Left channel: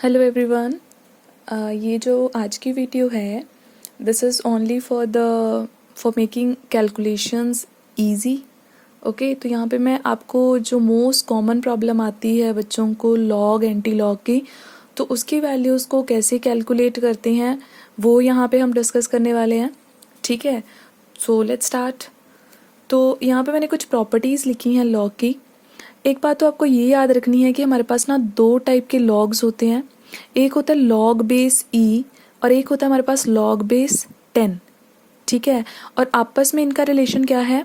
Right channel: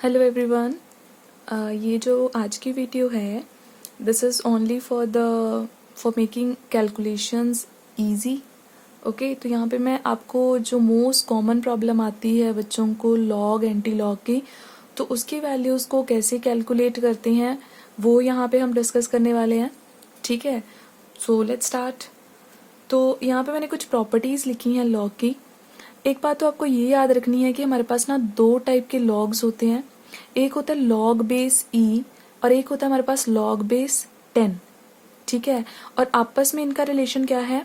Hello everyone. ये जो आज की वीडियो है this is only for making calculations easy. Okay, तो यहाँ पे मैं आपको जो मोस्ट कॉमन प्रॉब्लम आती है बच्चों को लॉग एंटी लॉग की, तो उसकी वैल्यूज़ को कैसे कैलकुलेट करते हैं वो यहाँ पे हम डिस्कस करने वाले हैं। ठीक है, सो लेट्स स्टार्ट। तो यहाँ पे मैंने कुछ प्रॉपर्टीज़ लिखी हैं लॉग की। एक बात तो आपको ये याद रखनी है कि हमारे पास ना दो टाइप के लॉग्स होते हैं। एक होता है लॉग बेस ई और एक होता है हमारे पास लॉग बेस 10। ठीक है, और आपस में इनका रिलेशन क्या है?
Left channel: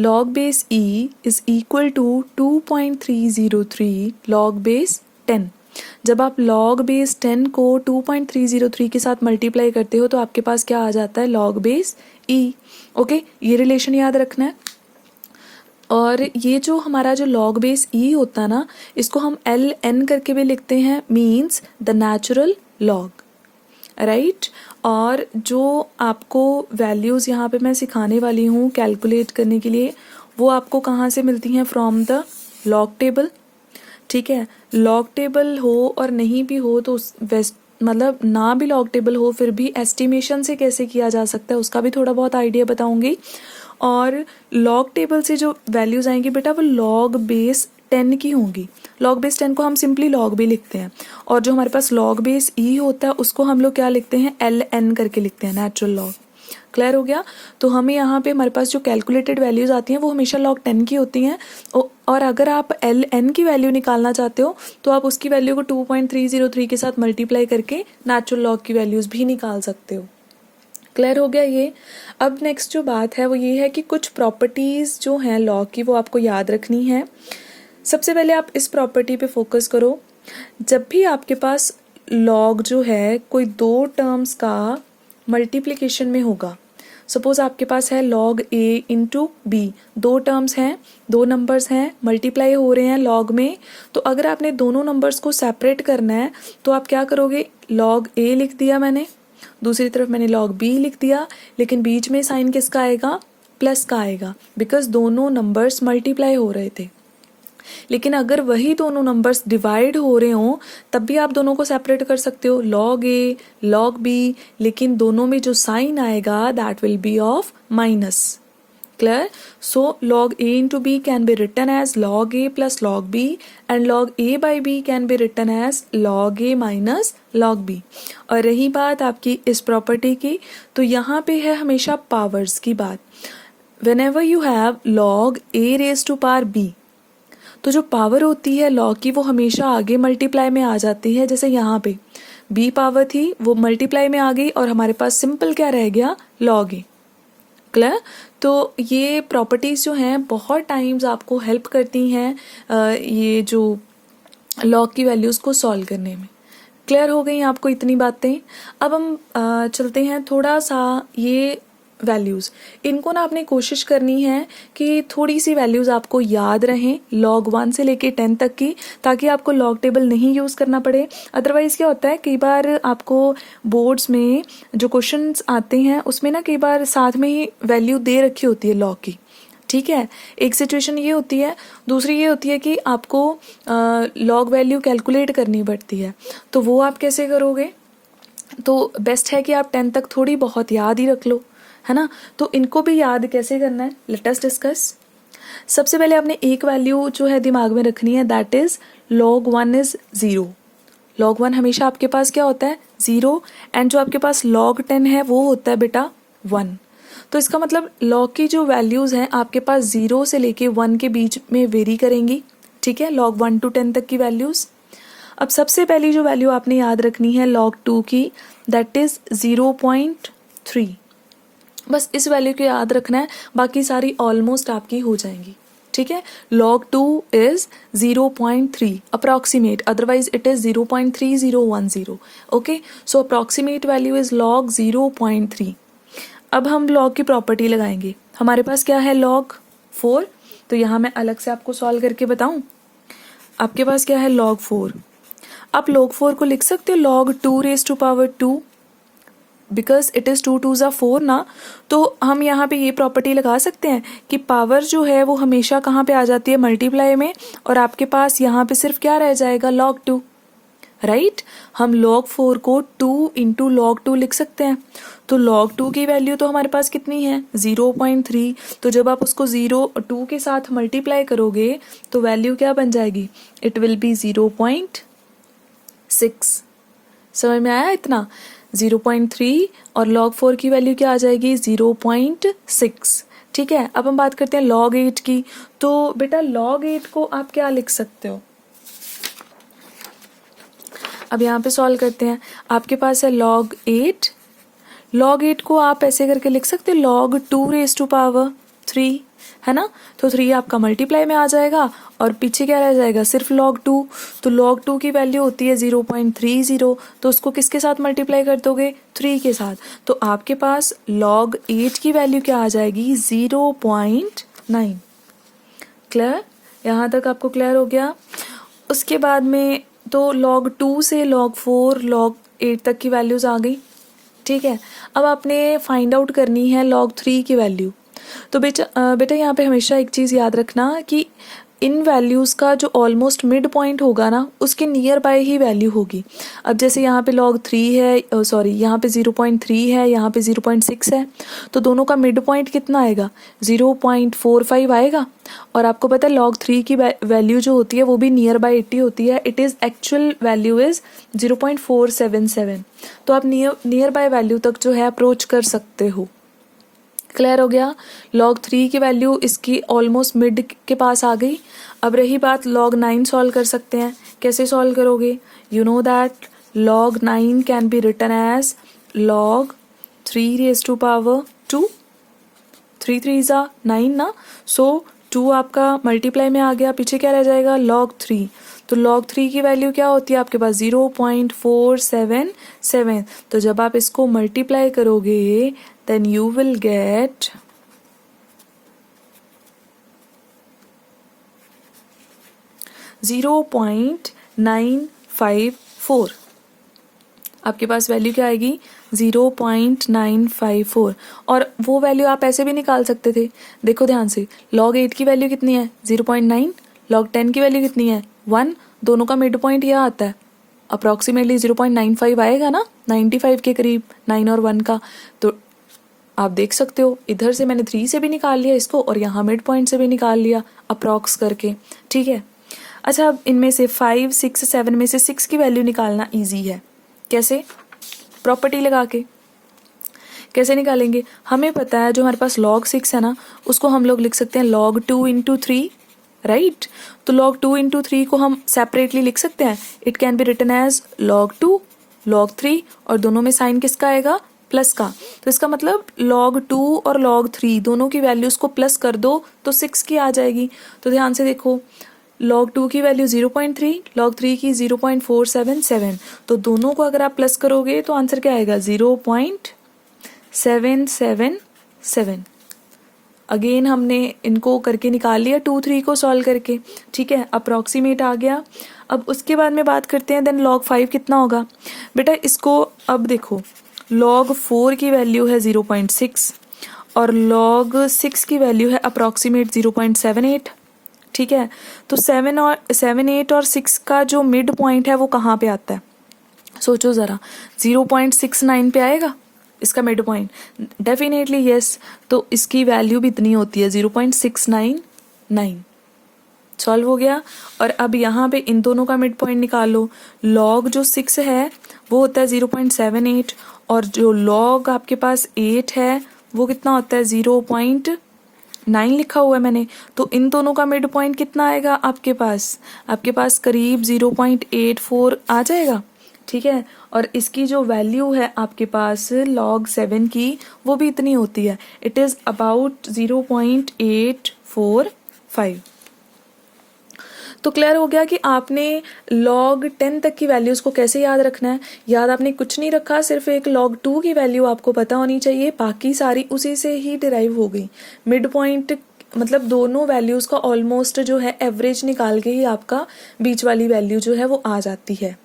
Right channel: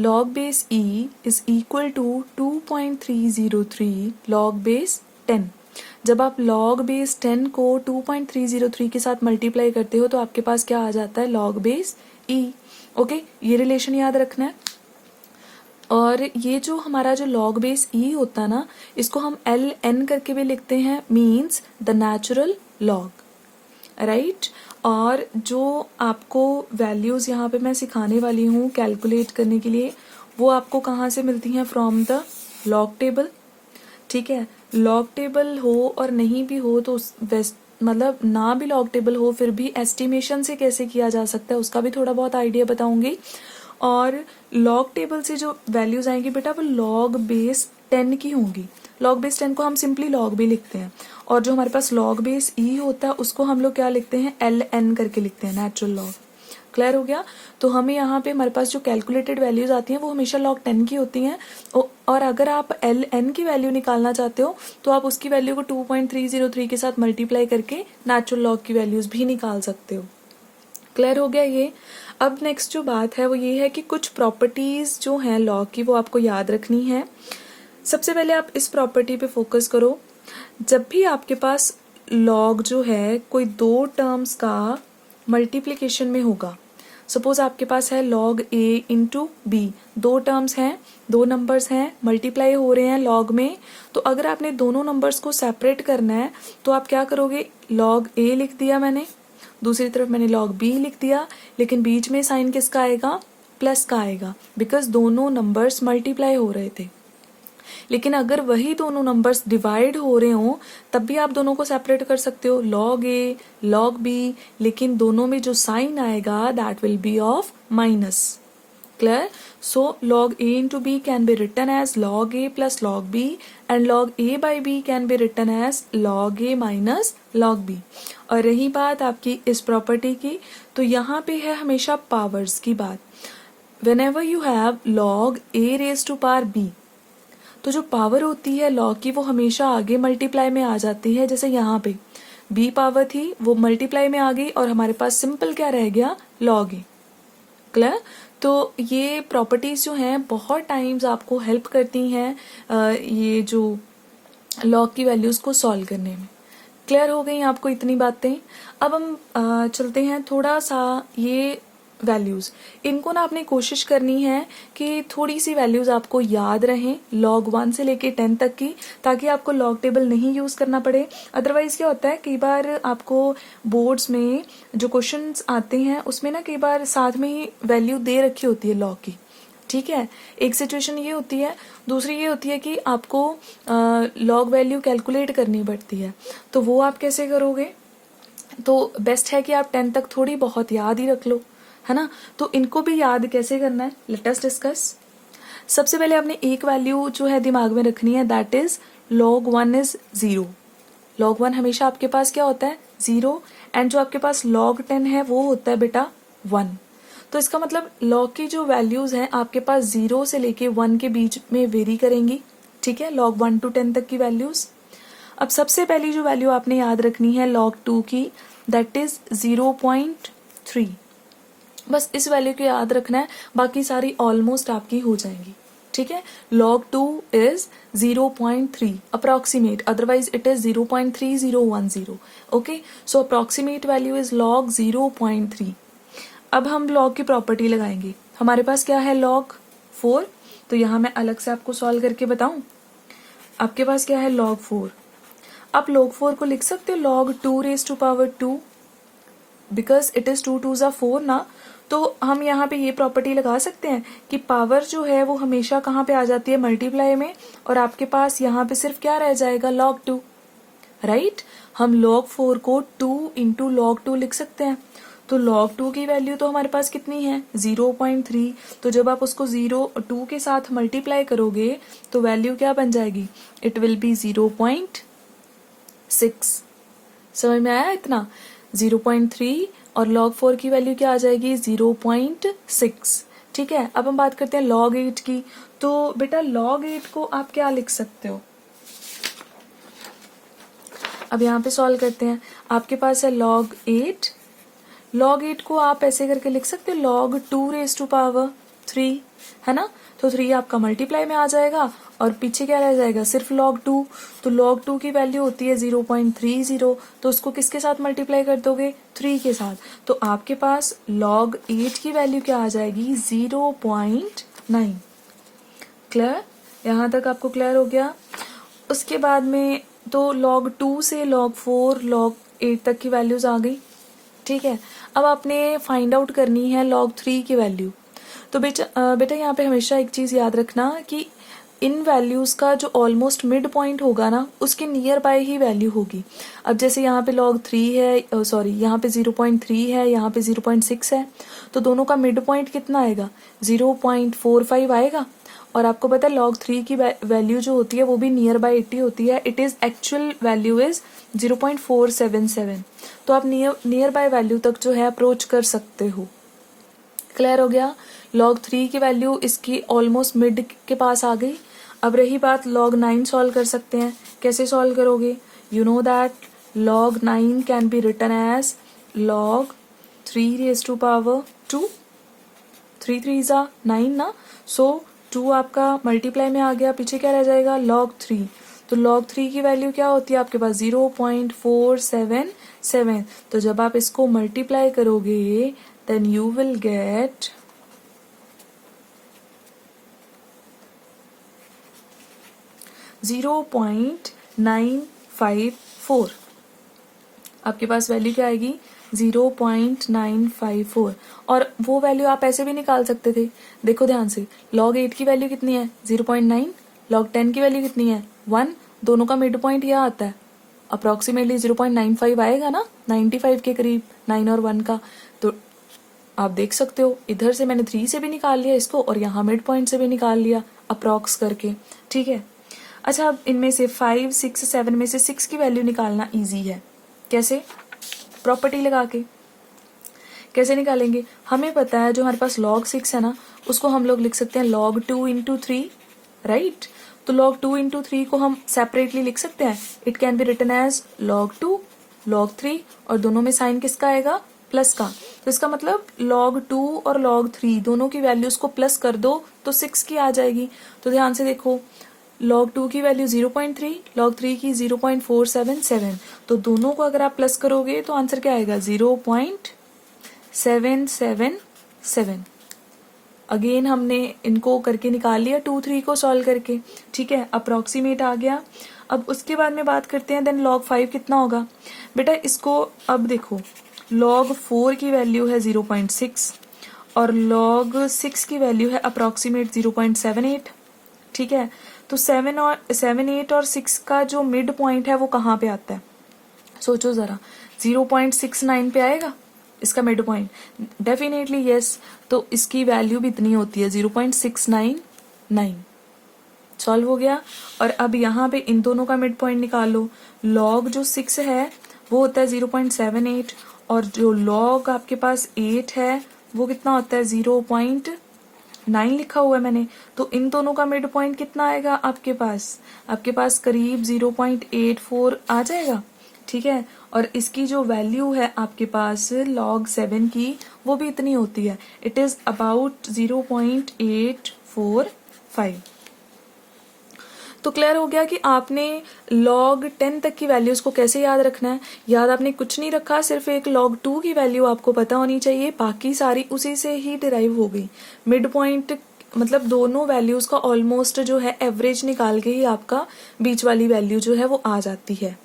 Log base e is equal to 2.303 log base 10। जब आप लॉग बेस 10 को 2.303 के साथ मल्टीप्लाई करते हो तो आपके पास क्या आ जाता है? लॉग बेस ई। ओके, ये रिलेशन याद रखना है। और ये जो हमारा जो लॉग बेस ई होता है ना, इसको हम एल एन करके भी लिखते हैं, means the natural log, right. और जो आपको वैल्यूज़ यहाँ पे मैं सिखाने वाली हूँ कैलकुलेट करने के लिए, वो आपको कहाँ से मिलती हैं? From the log table. ठीक है, लॉग टेबल हो और नहीं भी हो तो मतलब ना भी लॉग टेबल हो फिर भी एस्टिमेशन से कैसे किया जा सकता है उसका भी थोड़ा बहुत आइडिया बताऊंगी। और लॉग टेबल से जो वैल्यूज आएंगी बेटा वो लॉग बेस 10 की होंगी। लॉग बेस 10 को हम सिंपली लॉग भी लिखते हैं, और जो हमारे पास लॉग बेस ई होता है उसको हम लोग क्या लिखते हैं? एल एन करके लिखते हैं, नेचुरल लॉग। क्लियर हो गया? तो हमें यहाँ पे हमारे पास जो कैलकुलेटेड वैल्यूज आती हैं वो हमेशा लॉग 10 की होती हैं। और अगर आप एल एन की वैल्यू निकालना चाहते हो तो आप उसकी वैल्यू को 2.303 के साथ मल्टीप्लाई करके नेचुरल लॉग की वैल्यूज भी निकाल सकते हो। क्लियर हो गया ये? अब नेक्स्ट जो बात है वो ये है कि कुछ प्रॉपर्टीज जो हैं लॉग की वो आपको याद रखनी है। सबसे पहले आप इस प्रॉपर्टी पे फोकस करो। जब भी आपके पास लॉग जो है कोई दो टर्म्स का मल्टीप्लिकेशन में होगा, सपोज आपके पास है लॉग ए इंटू बी, दो टर्म्स हैं, दो नंबर्स हैं, मल्टीप्लाई हो रहे हैं लॉग में, तो अगर आपने दोनों नंबर्स को सेपरेट करना है तो आप क्या करोगे? लॉग ए लिख दिया मैंने, दूसरी तरफ मैंने लॉग बी लिख दिया, लेकिन बीच में साइन किसका आएगा? प्लस का आएगा, बिकॉज दोनों नंबर्स मल्टीप्लाई हो रहे थे। लेकिन अगर वही दोनों नंबर्स डिवाइड हो रहे हो तब भी आप दोनों को सेपरेट कर सकते हो, लॉग ए लॉग बी, लेकिन दोनों में जो साइन आएगा that will be of minus. Clear? So log a into b can be written as log a plus log b and log a by b can be written as log a minus log b। और रही बात आपकी इस property की, तो यहाँ पे है हमेशा पावर्स की बात। whenever you have log a raised to power b, तो जो पावर होती है लॉग की वो हमेशा आगे मल्टीप्लाई में आ जाती है। जैसे यहाँ पे b पावर थी वो मल्टीप्लाई में आ गई और हमारे पास सिंपल क्या रह गया? लॉग ए। क्लियर? तो ये प्रॉपर्टीज जो हैं बहुत टाइम्स आपको हेल्प करती हैं ये जो लॉग की वैल्यूज को सॉल्व करने में। क्लियर हो गई आपको इतनी बातें? अब हम चलते हैं थोड़ा सा ये वैल्यूज, इनको ना आपने कोशिश करनी है कि थोड़ी सी वैल्यूज आपको याद रहें लॉग 1 से लेके 10 तक की, ताकि आपको लॉग टेबल नहीं यूज करना पड़े। अदरवाइज क्या होता है, कई बार आपको बोर्ड्स में जो क्वेश्चंस आते हैं उसमें ना कई बार साथ में ही वैल्यू दे रखी होती है लॉग की। ठीक है, एक सिचुएशन ये होती है, दूसरी ये होती है कि आपको लॉग वैल्यू कैलकुलेट करनी पड़ती है, तो वो आप कैसे करोगे? तो बेस्ट है कि आप 10 तक थोड़ी बहुत याद ही रख लो, है ना। तो इनको भी याद कैसे करना है, लेट अस डिस्कस। सबसे पहले आपने एक वैल्यू जो है दिमाग में रखनी है, that is log 1 is 0। log 1 हमेशा आपके पास क्या होता है? 0। एंड जो आपके पास log 10 है वो होता है बेटा 1। तो इसका मतलब log की जो वैल्यूज हैं आपके पास 0 से लेके 1 के बीच में वेरी करेंगी। ठीक है, log 1 to 10 तक की वैल्यूज। अब सबसे पहली जो वैल्यू आपने याद रखनी है log 2 की, दैट इज 0.3। बस इस वैल्यू को याद रखना है, बाकी सारी ऑलमोस्ट आपकी हो जाएंगी। ठीक है, log 2 is 0.3 approximate, otherwise it is 0.3010। Okay, so approximate value is log 0.3। अब हम log की प्रॉपर्टी लगाएंगे। हमारे पास क्या है? log 4। तो यहां मैं अलग से आपको सॉल्व करके बताऊं। आपके पास क्या है? log 4। आप log 4 को लिख सकते हो log 2 raised to power 2, because it is 2 2 4 ना। तो हम यहाँ पे ये प्रॉपर्टी लगा सकते हैं कि पावर जो है वो हमेशा कहाँ पे आ जाती है? मल्टीप्लाई में, और आपके पास यहाँ पे सिर्फ क्या रह जाएगा? log 2, right. हम log 4 को 2 इंटू log 2 लिख सकते हैं। तो log 2 की वैल्यू तो हमारे पास कितनी है 0.3। तो जब आप उसको 2 के साथ मल्टीप्लाई करोगे तो वैल्यू क्या बन जाएगी, इट विल बी 0.6। समझ में आया इतना, 0.3 और log 4 की वैल्यू क्या आ जाएगी 0.6। ठीक है, अब हम बात करते हैं log 8 की। तो बेटा log 8 को आप क्या लिख सकते हो, अब यहाँ पे सॉल्व करते हैं। आपके पास है log 8, log 8 को आप ऐसे करके लिख सकते हो log 2 रेज टू पावर 3, है ना। तो 3 आपका मल्टीप्लाई में आ जाएगा और पीछे क्या रह जाएगा, सिर्फ log 2। तो log 2 की वैल्यू होती है 0.30, तो उसको किसके साथ मल्टीप्लाई कर दोगे, 3 के साथ। तो आपके पास log 8 की वैल्यू क्या आ जाएगी 0.9। क्लियर, यहाँ तक आपको क्लियर हो गया। उसके बाद में तो log 2 से log 4 log 8 तक की वैल्यूज आ गई। ठीक है, अब आपने फाइंड आउट करनी है log 3 की वैल्यू। तो बेटा यहाँ पे हमेशा एक चीज़ याद रखना कि इन वैल्यूज़ का जो ऑलमोस्ट मिड पॉइंट होगा ना, उसके नियर बाय ही वैल्यू होगी। अब जैसे यहाँ पे log 3 है, सॉरी यहाँ पे 0.3 है, यहाँ पे 0.6 है, तो दोनों का मिड पॉइंट कितना आएगा 0.45 आएगा। और आपको पता है log 3 की वैल्यू जो होती है वो भी नियर बाय 80 होती है, it is actual value is 0.477। तो आप नियर बाय वैल्यू तक जो है अप्रोच कर सकते हो। क्लियर हो गया, log 3 की वैल्यू इसकी ऑलमोस्ट मिड के पास आ गई। अब रही बात log 9 सॉल्व कर सकते हैं, कैसे सॉल्व करोगे, you know that log 9 can be written as log 3 raise to power 2, 3 3 9 ना, सो 2 आपका मल्टीप्लाई में आ गया, पीछे क्या रह जाएगा log 3। तो log 3 की वैल्यू क्या होती है आपके पास 0.477। तो जब आप इसको मल्टीप्लाई करोगे then you will get 0.954। आपके पास वैल्यू क्या आएगी 0.954। और वो वैल्यू आप ऐसे भी निकाल सकते थे, देखो ध्यान से, log 8 की वैल्यू कितनी है 0.9, log 10 की वैल्यू कितनी है 1, दोनों का मिड पॉइंट यह आता है, अप्रॉक्सीमेटली 0.95 आएगा ना, 95 के करीब 9 और 1 का। तो आप देख सकते हो इधर से मैंने 3 से भी निकाल लिया इसको और यहाँ मिड पॉइंट से भी निकाल लिया अप्रॉक्स करके। ठीक है, अच्छा अब इनमें से 5 6 7 में से 6 की वैल्यू निकालना इजी है। कैसे, प्रॉपर्टी लगा के। कैसे निकालेंगे, हमें पता है जो हमारे पास log 6 है ना, उसको हम लोग लिख सकते हैं log 2 इंटू 3, राइट। तो log 2 इंटू 3 को हम सेपरेटली लिख सकते हैं, it can be written as log 2 log 3, और दोनों में साइन किसका आएगा प्लस का। तो इसका मतलब log 2 और log 3 दोनों की वैल्यूज को प्लस कर दो तो 6 की आ जाएगी। तो ध्यान से देखो, log 2 की वैल्यू 0.3, log 3 की 0.477, तो दोनों को अगर आप प्लस करोगे तो आंसर क्या आएगा 0.777। अगेन हमने इनको करके निकाल लिया 2 3 को सॉल्व करके। ठीक है, अप्रॉक्सीमेट आ गया। अब उसके बाद में बात करते हैं देन log 5 कितना होगा। बेटा इसको अब देखो, log 4 की वैल्यू है 0.6 और log 6 की वैल्यू है अप्रॉक्सीमेट 0.78। ठीक है, तो 7 8 और 6 का जो मिड पॉइंट है वो कहाँ पे आता है, सोचो ज़रा, 0.69 पे आएगा इसका मिड पॉइंट, डेफिनेटली यस। तो इसकी वैल्यू भी इतनी होती है 0.699। सॉल्व हो गया। और अब यहाँ पे इन दोनों का मिड पॉइंट निकालो, log जो 6 है वो होता है 0.78 और जो log आपके पास 8 है वो कितना होता है 0.9 लिखा हुआ है मैंने। तो इन दोनों का मिड पॉइंट कितना आएगा आपके पास करीब 0.84 आ जाएगा। ठीक है, और इसकी जो वैल्यू है आपके पास log 7 की वो भी इतनी होती है, इट इज अबाउट 0.845। तो क्लियर हो गया कि आपने log 10 तक की वैल्यूज को कैसे याद रखना है। याद आपने कुछ नहीं रखा, सिर्फ एक log 2 की वैल्यू आपको पता होनी चाहिए, बाकी सारी उसी से ही डिराइव हो गई। मिड पॉइंट मतलब दोनों वैल्यूज का ऑलमोस्ट जो है एवरेज निकाल के ही आपका बीच वाली वैल्यू जो है वो आ जाती है।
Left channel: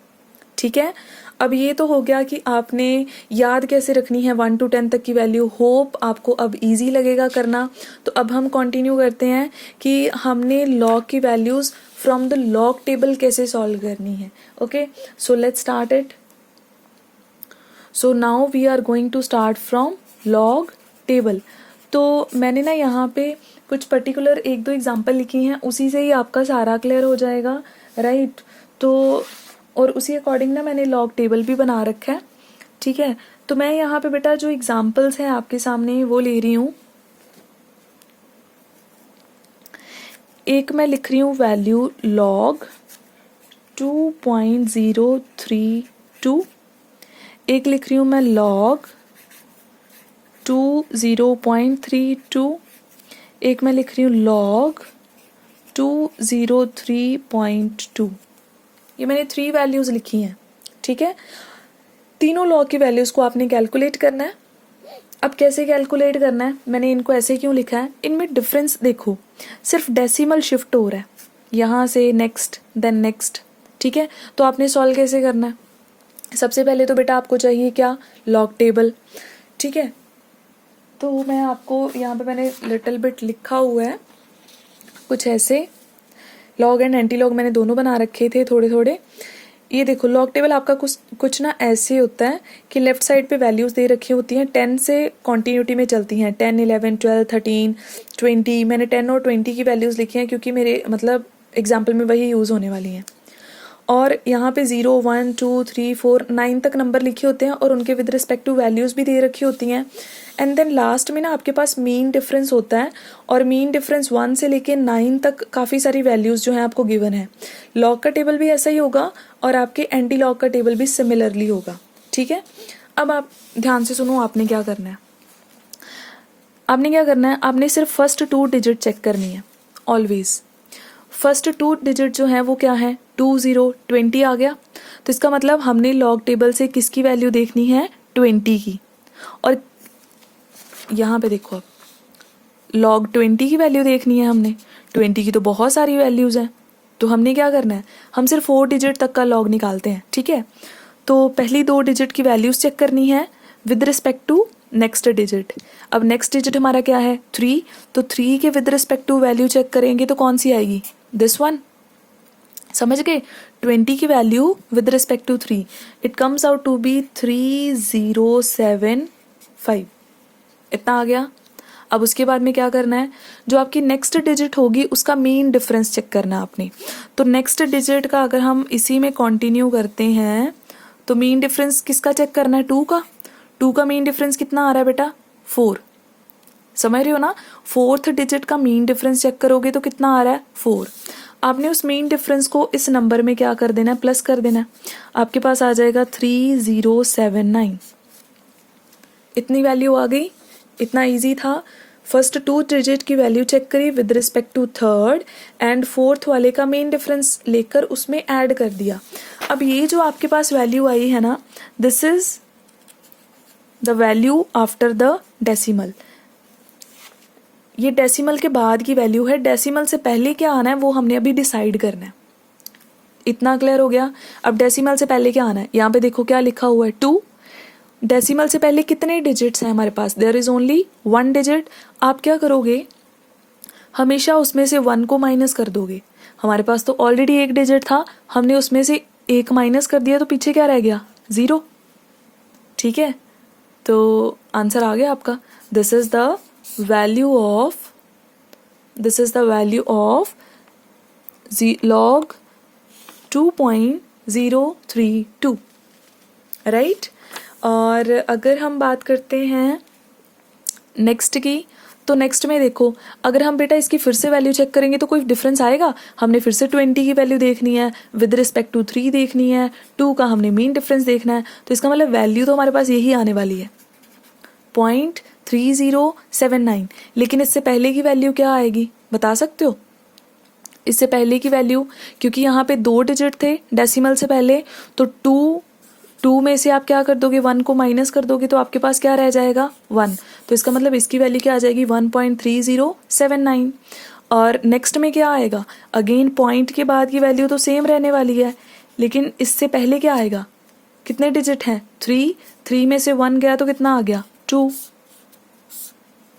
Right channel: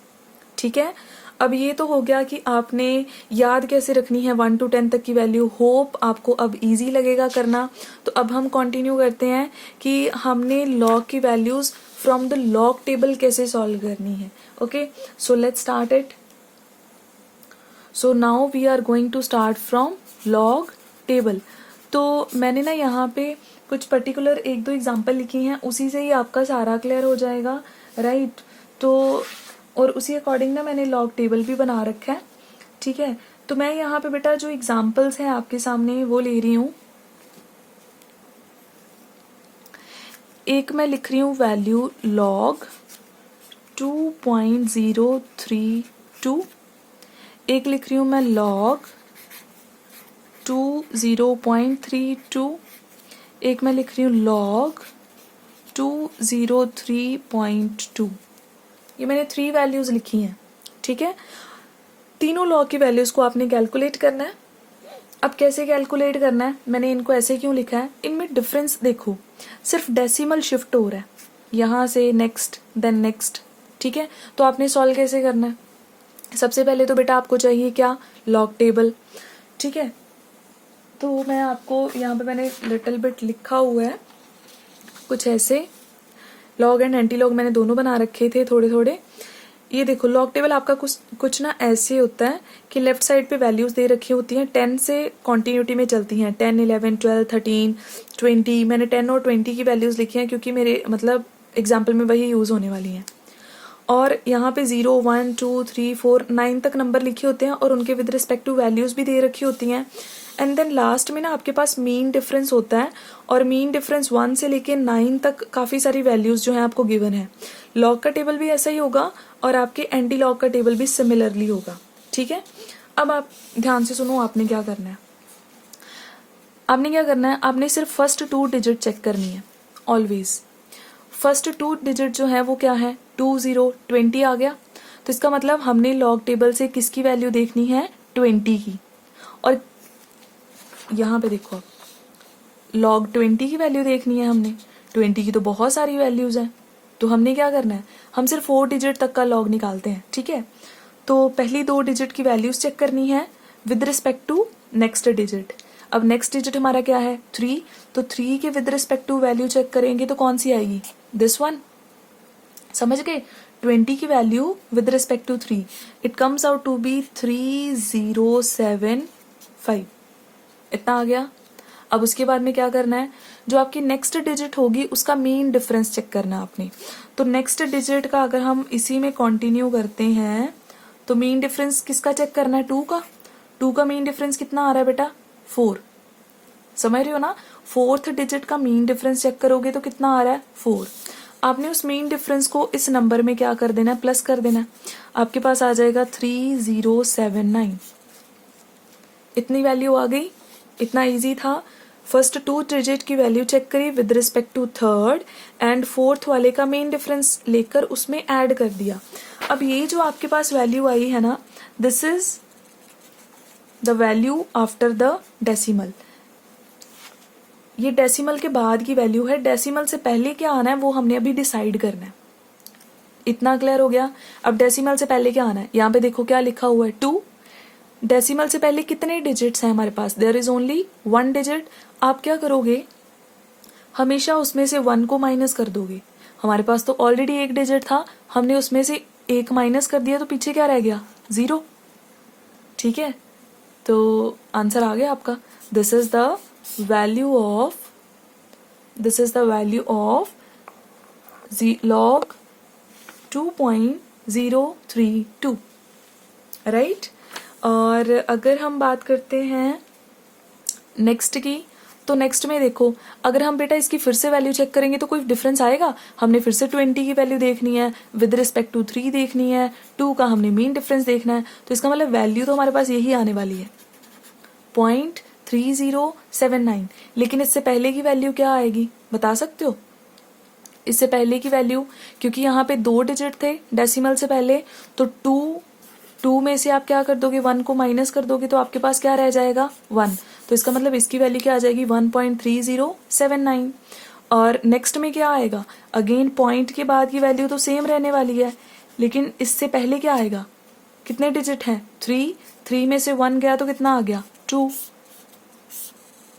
ठीक है, अब ये तो हो गया कि आपने याद कैसे रखनी है 1 to 10 तक की वैल्यू। होप आपको अब इजी लगेगा करना। तो अब हम कंटिन्यू करते हैं कि हमने log की values from the log table कैसे सॉल्व करनी है. Okay, so let's start it. So now we are going to start from log table. तो मैंने ना यहाँ पे कुछ पर्टिकुलर एक दो एग्जाम्पल लिखी हैं, उसी से ही आपका सारा क्लियर हो जाएगा, राइट. तो और उसी अकॉर्डिंग ना मैंने लॉग टेबल भी बना रखा है. ठीक है, तो मैं यहाँ पे बेटा जो एग्जाम्पल्स हैं आपके सामने वो ले रही हूँ. एक मैं लिख रही हूँ वैल्यू लॉग 2.032. एक लिख रही हूँ मैं लॉग 0.32. एक मैं लिख रही हूँ लॉग 203.2. ये मैंने 3 वैल्यूज लिखी हैं. ठीक है, तीनों लॉग की वैल्यूज को आपने कैलकुलेट करना है. अब कैसे कैलकुलेट करना है, मैंने इनको ऐसे क्यों लिखा है, इनमें डिफरेंस देखो, सिर्फ डेसिमल शिफ्ट हो रहा है यहाँ से नेक्स्ट देन नेक्स्ट. ठीक है, तो आपने सॉल्व कैसे करना है. सबसे पहले तो बेटा आपको चाहिए क्या, लॉग टेबल. ठीक है, तो मैं आपको यहाँ पे मैंने लिटिल बिट लिखा हुआ है कुछ ऐसे. लॉग एंड एंटी लॉग मैंने दोनों बना रखे थे थोड़े थोड़े. ये देखो लॉग टेबल आपका कुछ ना ऐसे होता है कि लेफ्ट साइड पे वैल्यूज दे रखी होती हैं, 10 से कॉन्टिन्यूटी में चलती हैं, 10, 11, 12, 13, 20. मैंने 10 और 20 की वैल्यूज लिखी हैं क्योंकि मेरे मतलब एग्जाम्पल में वही यूज होने वाली हैं. और यहाँ पे 0, 1, 2, 3, 4, 9 तक नंबर लिखे होते हैं और उनके विद रिस्पेक्ट टू वैल्यूज भी दे रखी होती हैं. एंड देन लास्ट में ना आपके पास मीन डिफरेंस होता है, और मीन डिफरेंस 1 से लेके 9 तक काफ़ी सारी वैल्यूज जो हैं आपको गिवन है. लॉग का टेबल भी ऐसा ही होगा और आपके एंटी लॉग का टेबल भी सिमिलरली होगा. ठीक है, अब आप ध्यान से सुनो, आपने क्या करना है. आपने क्या करना है, आपने सिर्फ फर्स्ट 2 डिजिट चेक करनी है ऑलवेज. फर्स्ट 2 डिजिट जो है वो क्या है, 20, 20 आ गया. तो इसका मतलब हमने लॉग टेबल से किसकी वैल्यू देखनी है, 20 की. और यहाँ पे देखो लॉग 20 की वैल्यू देखनी है हमने. 20 की तो बहुत सारी वैल्यूज हैं, तो हमने क्या करना है, हम सिर्फ 4 डिजिट तक का लॉग निकालते हैं. ठीक है, तो पहली 2 डिजिट की वैल्यूज चेक करनी है with respect to next digit. अब नेक्स्ट डिजिट हमारा क्या है, 3. तो 3 के with respect to value check करेंगे तो कौन सी आएगी, दिस वन. समझ गए, 20 की value with respect to 3, it comes out to be 3075. इतना आ गया. अब उसके बाद में क्या करना है, जो आपकी नेक्स्ट डिजिट होगी उसका मीन डिफरेंस चेक करना है आपने. तो नेक्स्ट डिजिट का अगर हम इसी में कंटिन्यू करते हैं तो मीन डिफरेंस किसका चेक करना है, 2 का. 2 का मीन डिफरेंस कितना आ रहा है बेटा, 4. समझ रहे हो ना, 4th डिजिट का मीन डिफरेंस चेक करोगे तो कितना आ रहा है, 4. आपने उस मीन डिफरेंस को इस नंबर में क्या कर देना है, प्लस कर देना है. आपके पास आ जाएगा 3079. इतनी वैल्यू आ गई. इतना इजी था. फर्स्ट 2 डिजिट की वैल्यू चेक करी with respect to third, and 4th वाले का मेन डिफरेंस लेकर उसमें ऐड कर दिया. अब ये जो आपके पास वैल्यू आई है ना, this is the value after the decimal. ये डेसिमल के बाद की वैल्यू है. डेसिमल से पहले क्या आना है वो हमने अभी डिसाइड करना है. इतना क्लियर हो गया. अब डेसिमल से पहले क्या आना है, यहाँ पे देखो क्या लिखा हुआ है, 2. डेसिमल से पहले कितने डिजिट्स हैं हमारे पास, देयर इज ओनली 1 डिजिट. आप क्या करोगे, हमेशा उसमें से 1 को माइनस कर दोगे. हमारे पास तो ऑलरेडी 1 डिजिट था, हमने उसमें से 1 माइनस कर दिया तो पीछे क्या रह गया, 0. ठीक है, तो आंसर आ गया आपका. This is the value of log 2.032, right. और अगर हम बात करते हैं नेक्स्ट की, तो नेक्स्ट में देखो, अगर हम बेटा इसकी फिर से वैल्यू चेक करेंगे तो कोई डिफरेंस आएगा. हमने फिर से 20 की वैल्यू देखनी है, विद रिस्पेक्ट टू 3 देखनी है, 2 का हमने मीन डिफरेंस देखना है. तो इसका मतलब वैल्यू तो हमारे पास यही आने वाली है, 0.3079. लेकिन इससे पहले की वैल्यू क्या आएगी, बता सकते हो. इससे पहले की वैल्यू, क्योंकि यहाँ पे 2 डिजिट थे डेसिमल से पहले, तो 2 में से आप क्या कर दोगे, 1 को माइनस कर दोगे तो आपके पास क्या रह जाएगा, 1. तो इसका मतलब इसकी वैल्यू क्या आ जाएगी, 1.3079. और नेक्स्ट में क्या आएगा, अगेन पॉइंट के बाद की वैल्यू तो सेम रहने वाली है, लेकिन इससे पहले क्या आएगा, कितने डिजिट हैं, 3 में से 1 गया तो कितना आ गया, 2.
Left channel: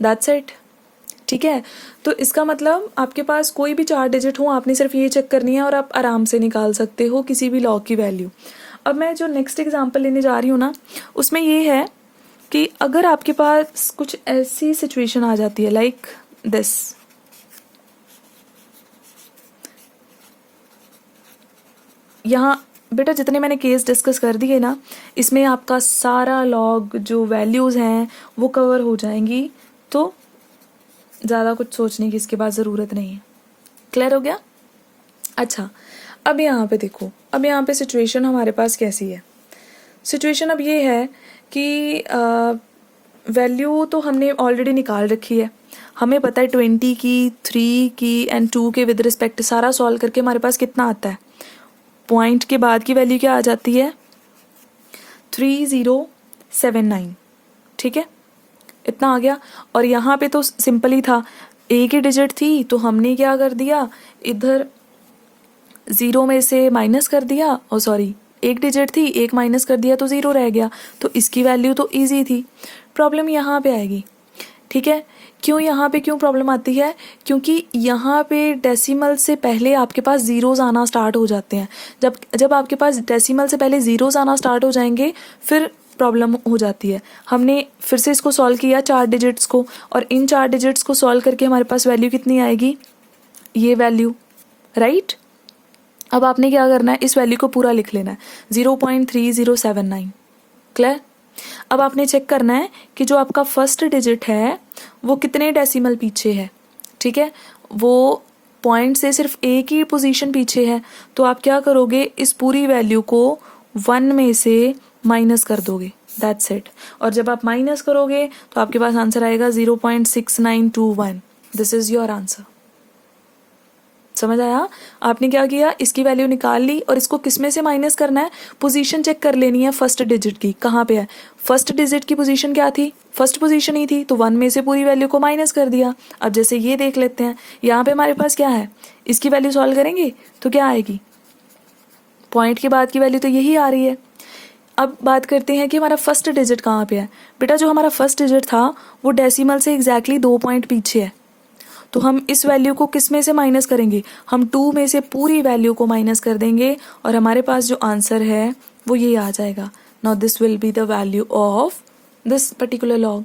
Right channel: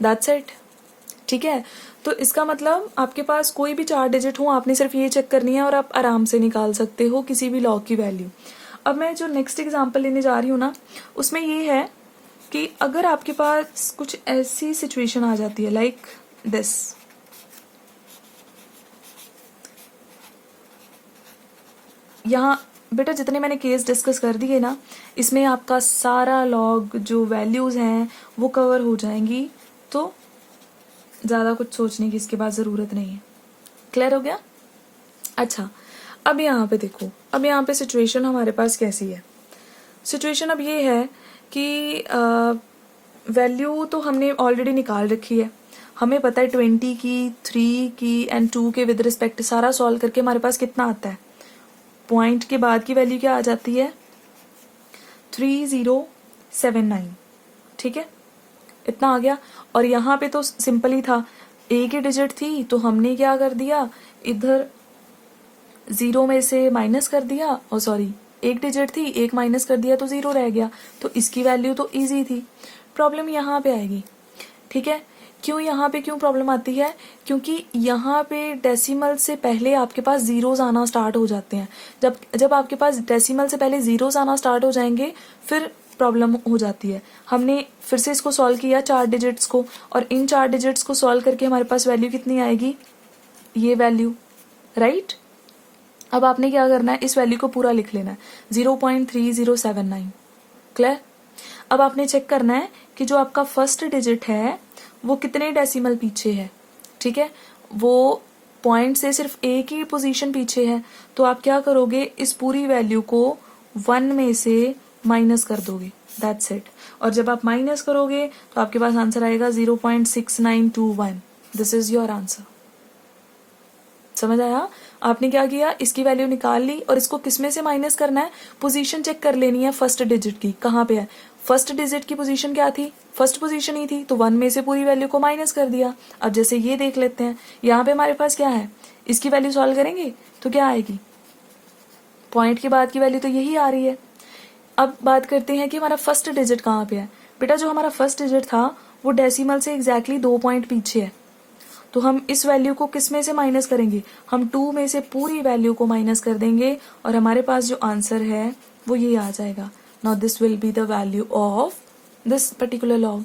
That's it. ठीक है, तो इसका मतलब आपके पास कोई भी 4 डिजिट हो, आपने सिर्फ ये चेक करनी है और आप आराम से निकाल सकते हो किसी भी लॉग की वैल्यू। अब मैं जो नेक्स्ट एग्जांपल लेने जा रही हूँ ना, उसमें ये है कि अगर आपके पास कुछ ऐसी सिचुएशन आ जाती है लाइक दिस, यहाँ बेटा जितने मैंने केस डिस्कस कर दिए ना, इसमें आपका सारा लॉग जो वैल्यूज हैं वो कवर हो जाएंगी, तो ज़्यादा कुछ सोचने की इसके बाद ज़रूरत नहीं है। क्लियर हो गया? अच्छा, अब यहाँ पे देखो, अब यहाँ पे सिचुएशन हमारे पास कैसी है। सिचुएशन अब ये है कि वैल्यू तो हमने ऑलरेडी निकाल रखी है, हमें पता है 20 की, 3 की एंड 2 के विद रिस्पेक्ट सारा सॉल्व करके हमारे पास कितना आता है। पॉइंट के बाद की वैल्यू क्या आ जाती है, 3079। ठीक है, इतना आ गया। और यहाँ पे तो सिंपल ही था, एक ही डिजिट थी तो हमने क्या कर दिया, इधर 0 में से माइनस कर दिया, और सॉरी एक डिजिट थी, एक माइनस कर दिया तो 0 रह गया, तो इसकी वैल्यू तो इजी थी। प्रॉब्लम यहाँ पे आएगी, ठीक है। क्यों यहाँ पे क्यों प्रॉब्लम आती है, क्योंकि यहाँ पे डेसिमल से पहले आपके पास जीरोस आना स्टार्ट हो जाते हैं। जब आपके पास डेसिमल से पहले जीरोस आना स्टार्ट हो जाएंगे फिर प्रॉब्लम हो जाती है। हमने फिर से इसको सॉल्व किया 4 डिजिट्स को, और इन 4 डिजिट्स को सॉल्व करके हमारे पास वैल्यू कितनी आएगी, ये वैल्यू, राइट। अब आपने क्या करना है, इस वैल्यू को पूरा लिख लेना है, 0.3079। क्लियर। अब आपने चेक करना है कि जो आपका फर्स्ट डिजिट है वो कितने डेसिमल पीछे है। ठीक है, वो पॉइंट से सिर्फ एक ही पोजीशन पीछे है, तो आप क्या करोगे, इस पूरी वैल्यू को 1 में से माइनस कर दोगे, दैट्स इट। और जब आप माइनस करोगे तो आपके पास आंसर आएगा 0.6921। This is your answer. समझ आया? आपने क्या किया, इसकी वैल्यू निकाल ली और इसको किसमें से माइनस करना है, पोजीशन चेक कर लेनी है फर्स्ट डिजिट की, कहाँ पे है। फर्स्ट डिजिट की पोजीशन क्या थी, फर्स्ट पोजीशन ही थी, तो 1 में से पूरी वैल्यू को माइनस कर दिया। अब जैसे ये देख लेते हैं, यहाँ पे हमारे पास क्या है, इसकी वैल्यू सॉल्व करेंगे तो क्या आएगी, पॉइंट के बाद की वैल्यू तो यही आ रही है। अब बात करते हैं कि हमारा फर्स्ट डिजिट कहाँ पे है। बेटा जो हमारा फर्स्ट डिजिट था वो डेसिमल से एग्जैक्टली 2 पॉइंट पीछे है, तो हम इस वैल्यू को किस में से माइनस करेंगे, हम 2 में से पूरी वैल्यू को माइनस कर देंगे और हमारे पास जो आंसर है वो ये आ जाएगा। Now this will be the value of this particular log.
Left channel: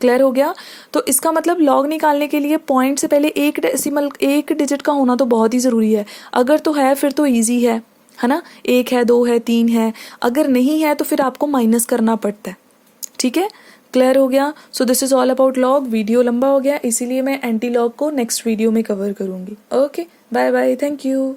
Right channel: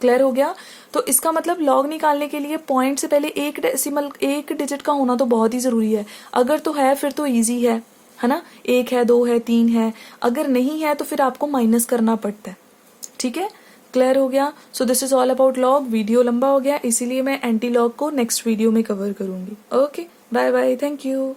Clear हो गया? तो इसका मतलब लॉग निकालने के लिए पॉइंट से पहले एक डेसिमल, एक डिजिट का होना तो बहुत ही जरूरी है। अगर तो है फिर तो ईजी है ना, 1 है, 2 है, 3 है। अगर नहीं है तो फिर आपको माइनस करना पड़ता है। ठीक है, क्लियर हो गया? So this is all about log. Video लंबा हो गया इसीलिए मैं एंटी लॉग को नेक्स्ट वीडियो में कवर करूंगी। Okay, bye bye, thank you.